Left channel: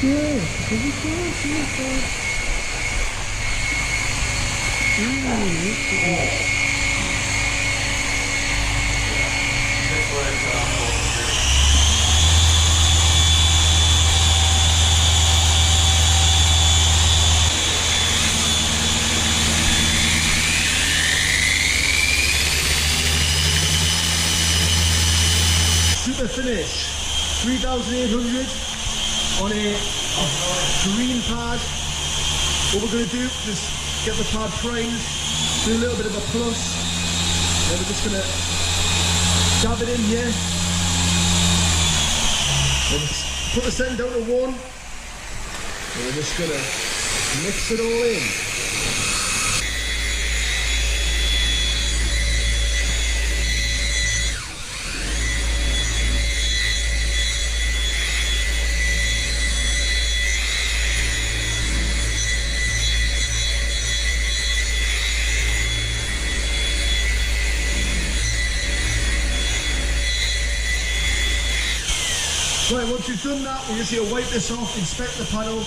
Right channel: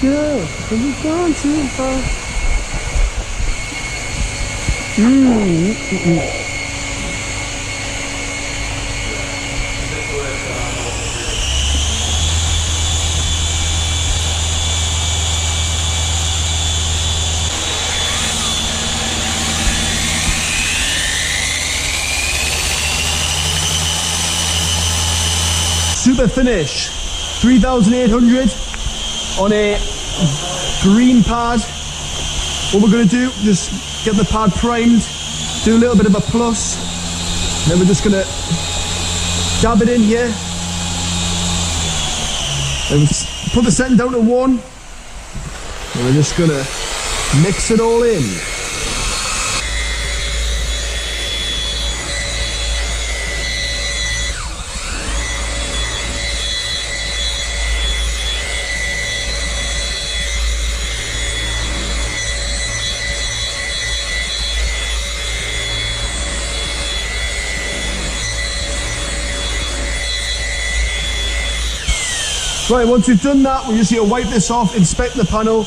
Yeah, because you can't see far. Super finish, 3,800 on a green pad. What we're going to do, just get the pad primed, do a little bit of a plus, then we're just going to dab it in here. And put the setting down to 1, and we're just going to mix it all in. Right, once we've done that, we just need to wipe this off, inspect the panel.